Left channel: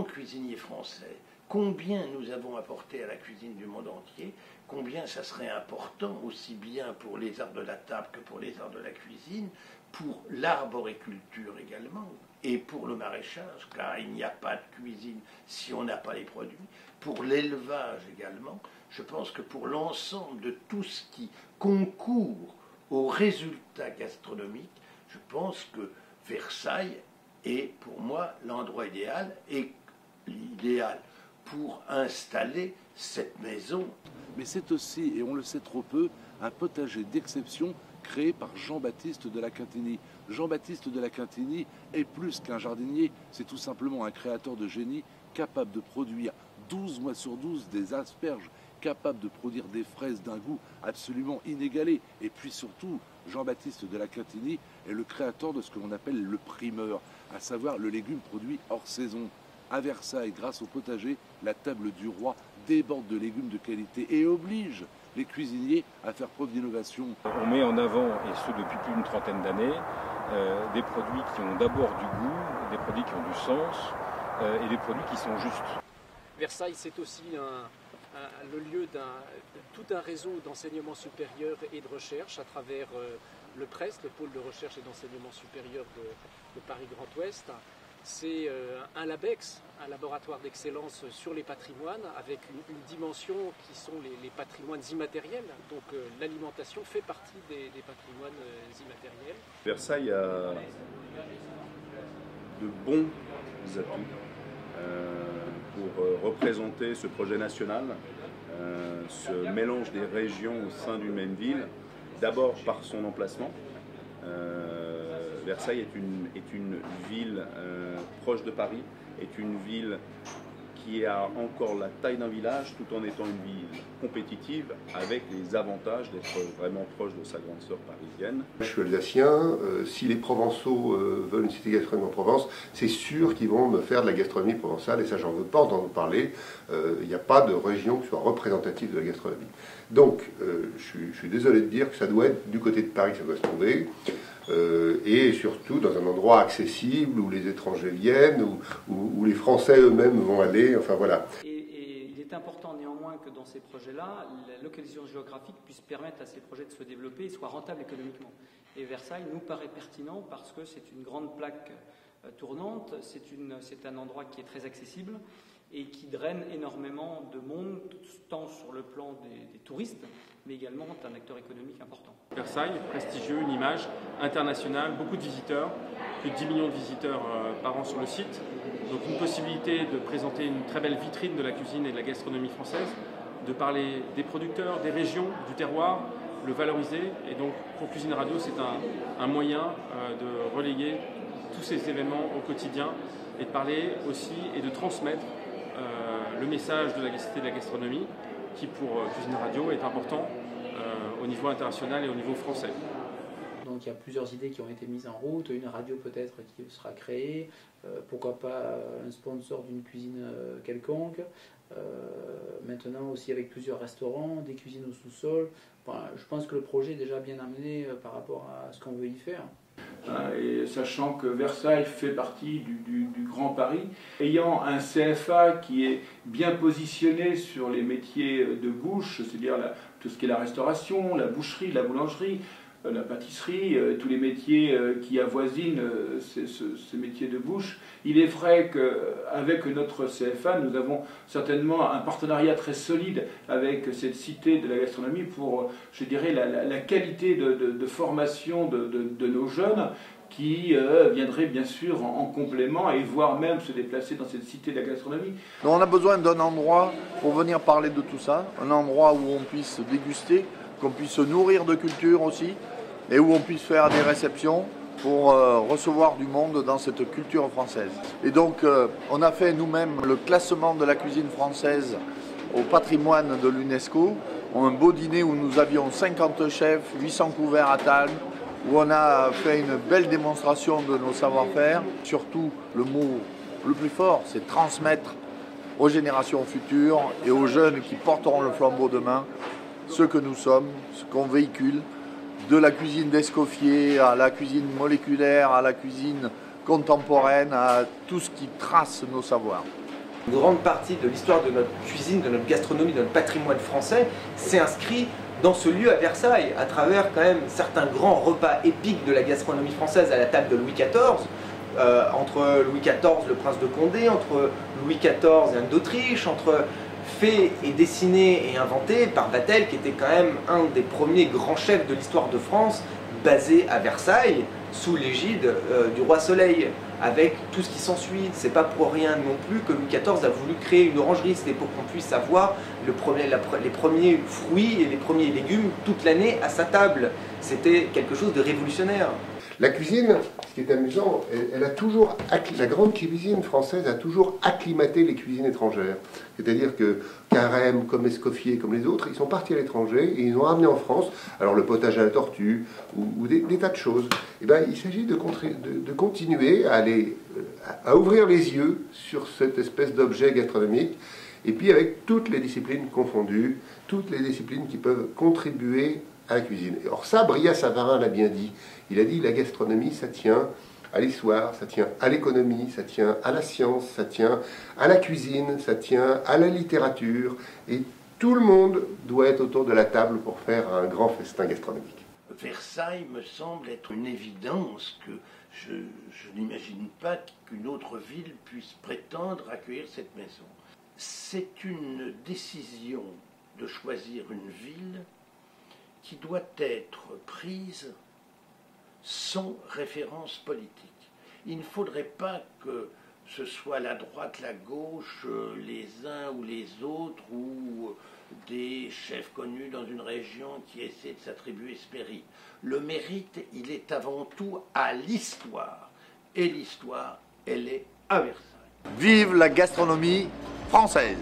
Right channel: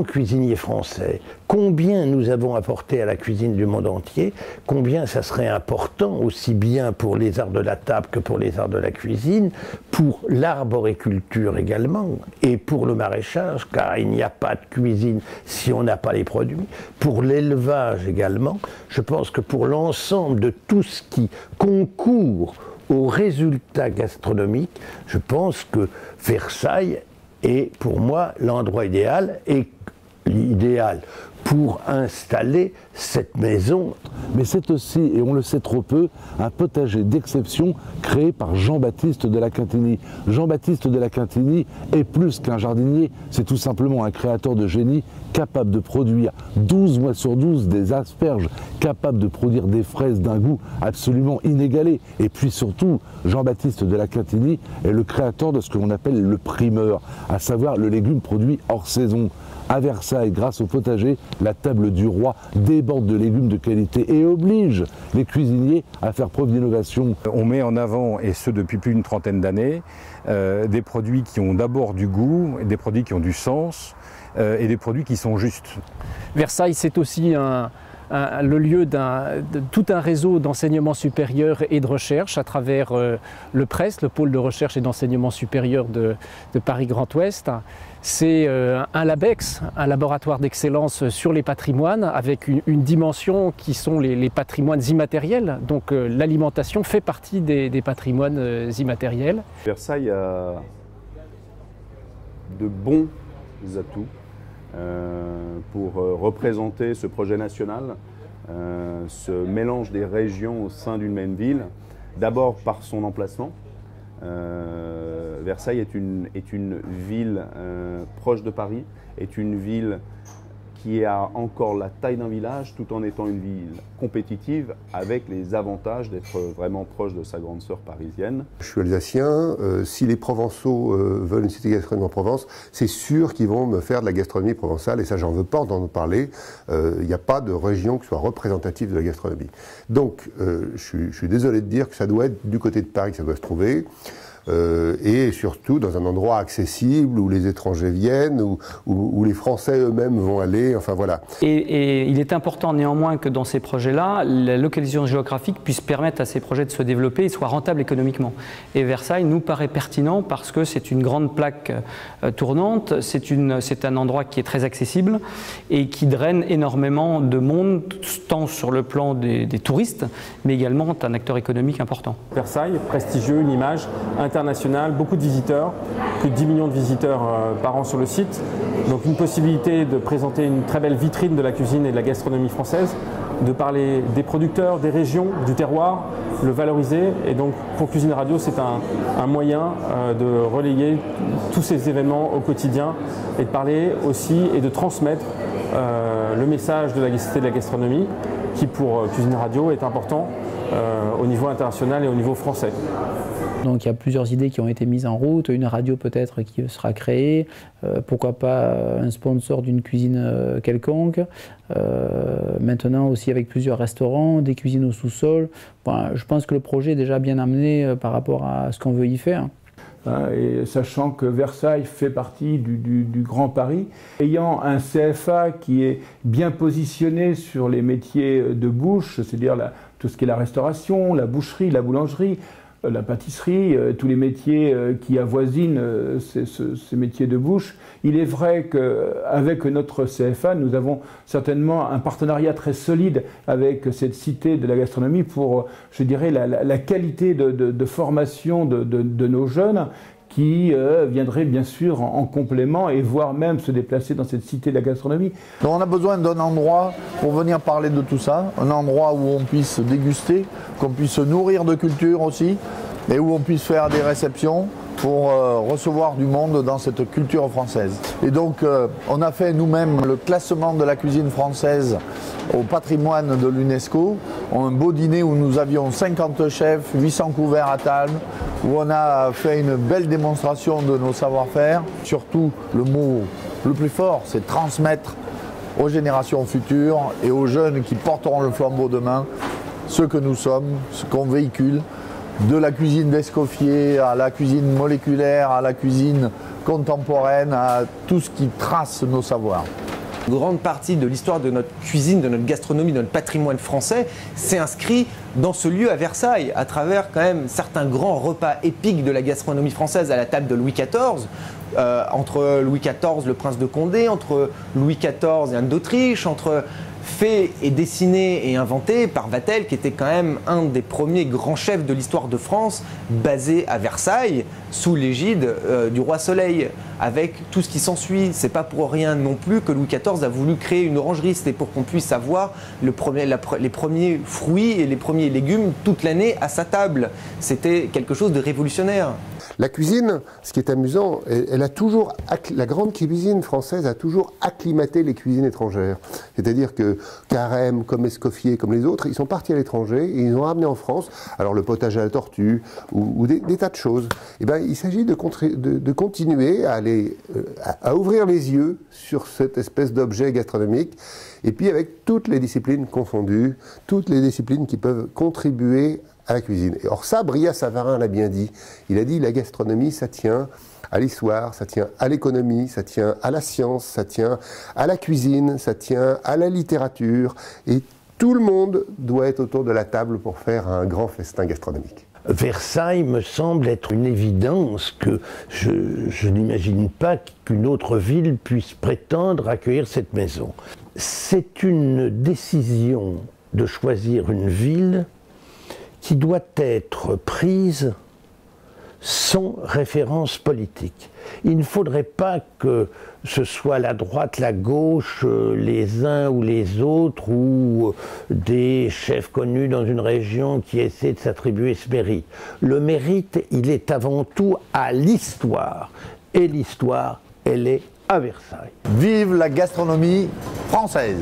tant que cuisiniers français, combien nous avons apporté à la cuisine du monde entier, combien ça serait important, aussi bien pour les arts de la table que pour les arts de la cuisine, pour l'arboriculture également, et pour le maraîchage, car il n'y a pas de cuisine si on n'a pas les produits, pour l'élevage également. Je pense que pour l'ensemble de tout ce qui concourt aux résultats gastronomiques, je pense que Versailles est pour moi l'endroit idéal, et l'idéal pour installer cette maison. Mais c'est aussi, et on le sait trop peu, un potager d'exception créé par Jean-Baptiste de la Quintinie. Jean-Baptiste de la Quintinie est plus qu'un jardinier, c'est tout simplement un créateur de génie capable de produire 12 mois sur 12 des asperges, capable de produire des fraises d'un goût absolument inégalé. Et puis surtout, Jean-Baptiste de la Quintinie est le créateur de ce que l'on appelle le primeur, à savoir le légume produit hors saison. À Versailles, grâce au potager, la table du roi déborde de légumes de qualité et oblige les cuisiniers à faire preuve d'innovation. On met en avant, et ce depuis plus d'une trentaine d'années, des produits qui ont d'abord du goût, des produits qui ont du sens et des produits qui sont justes. Versailles, c'est aussi le lieu de tout un réseau d'enseignement supérieur et de recherche à travers le PRES, le pôle de recherche et d'enseignement supérieur de Paris Grand Ouest. C'est un LABEX, un laboratoire d'excellence sur les patrimoines, avec une dimension qui sont les patrimoines immatériels. Donc l'alimentation fait partie des patrimoines immatériels. Versailles a de bons atouts pour représenter ce projet national, ce mélange des régions au sein d'une même ville, d'abord par son emplacement. Versailles est une ville proche de Paris, est une ville qui a encore la taille d'un village tout en étant une ville compétitive avec les avantages d'être vraiment proche de sa grande sœur parisienne. Je suis alsacien, si les Provençaux veulent une cité gastronomique en Provence, c'est sûr qu'ils vont me faire de la gastronomie provençale et ça j'en veux pas entendre parler. Il n'y a pas de région qui soit représentative de la gastronomie. Donc je suis désolé de dire que ça doit être du côté de Paris que ça doit se trouver. Et surtout dans un endroit accessible où les étrangers viennent, où les Français eux-mêmes vont aller, enfin voilà. Et il est important néanmoins que dans ces projets-là, la localisation géographique puisse permettre à ces projets de se développer et soient rentables économiquement. Et Versailles nous paraît pertinent parce que c'est une grande plaque tournante, c'est un endroit qui est très accessible et qui draine énormément de monde, tant sur le plan des touristes, mais également un acteur économique important. Versailles, prestigieux, une image international, beaucoup de visiteurs, plus de 10 millions de visiteurs par an sur le site. Donc une possibilité de présenter une très belle vitrine de la cuisine et de la gastronomie française, de parler des producteurs, des régions, du terroir, le valoriser. Et donc pour Cuisine Radio, c'est un moyen de relayer tous ces événements au quotidien et de parler aussi et de transmettre le message de la cité de la gastronomie qui pour Cuisine Radio est important au niveau international et au niveau français. Donc il y a plusieurs idées qui ont été mises en route, une radio peut-être qui sera créée, pourquoi pas un sponsor d'une cuisine quelconque, maintenant aussi avec plusieurs restaurants, des cuisines au sous-sol. Bon, je pense que le projet est déjà bien amené par rapport à ce qu'on veut y faire. Et sachant que Versailles fait partie du Grand Paris, ayant un CFA qui est bien positionné sur les métiers de bouche, c'est-à-dire tout ce qui est la restauration, la boucherie, la boulangerie, la pâtisserie, tous les métiers qui avoisinent ces métiers de bouche. Il est vrai qu'avec notre CFA, nous avons certainement un partenariat très solide avec cette cité de la gastronomie pour, je dirais, la qualité de formation de nos jeunes qui viendraient bien sûr en complément et voire même se déplacer dans cette cité de la gastronomie. Donc on a besoin d'un endroit pour venir parler de tout ça, un endroit où on puisse déguster, qu'on puisse se nourrir de culture aussi, et où on puisse faire des réceptions pour recevoir du monde dans cette culture française. Et donc on a fait nous-mêmes le classement de la cuisine française au patrimoine de l'UNESCO, un beau dîner où nous avions 50 chefs, 800 couverts à table, où on a fait une belle démonstration de nos savoir-faire. Surtout, le mot le plus fort, c'est transmettre aux générations futures et aux jeunes qui porteront le flambeau demain ce que nous sommes, ce qu'on véhicule, de la cuisine d'Escoffier à la cuisine moléculaire, à la cuisine contemporaine, à tout ce qui trace nos savoirs. Une grande partie de l'histoire de notre cuisine, de notre gastronomie, de notre patrimoine français s'est inscrit dans ce lieu à Versailles, à travers quand même certains grands repas épiques de la gastronomie française à la table de Louis XIV, entre Louis XIV, le prince de Condé, entre Louis XIV et Anne d'Autriche, entre fait et dessiné et inventé par Vatel, qui était quand même un des premiers grands chefs de l'histoire de France, basé à Versailles, sous l'égide du roi Soleil, avec tout ce qui s'ensuit. C'est pas pour rien non plus que Louis XIV a voulu créer une orangerie, c'était pour qu'on puisse avoir les premiers fruits et les premiers légumes toute l'année à sa table. C'était quelque chose de révolutionnaire. La cuisine, ce qui est amusant, la grande cuisine française a toujours acclimaté les cuisines étrangères. C'est-à-dire que Carême, comme Escoffier, comme les autres, ils sont partis à l'étranger et ils ont ramené en France, alors le potage à la tortue ou des tas de choses. Et ben, il s'agit de continuer à ouvrir les yeux sur cette espèce d'objet gastronomique. Et puis avec toutes les disciplines confondues, toutes les disciplines qui peuvent contribuer à la cuisine. Or ça, Brillat-Savarin l'a bien dit. Il a dit la gastronomie, ça tient à l'histoire, ça tient à l'économie, ça tient à la science, ça tient à la cuisine, ça tient à la littérature. Et tout le monde doit être autour de la table pour faire un grand festin gastronomique. Versailles me semble être une évidence que je n'imagine pas qu'une autre ville puisse prétendre accueillir cette maison. C'est une décision de choisir une ville qui doit être prise sans référence politique. Il ne faudrait pas que ce soit la droite, la gauche, les uns ou les autres, ou des chefs connus dans une région qui essaient de s'attribuer ce mérite. Le mérite, il est avant tout à l'histoire. Et l'histoire, elle est à Versailles. Vive la gastronomie française!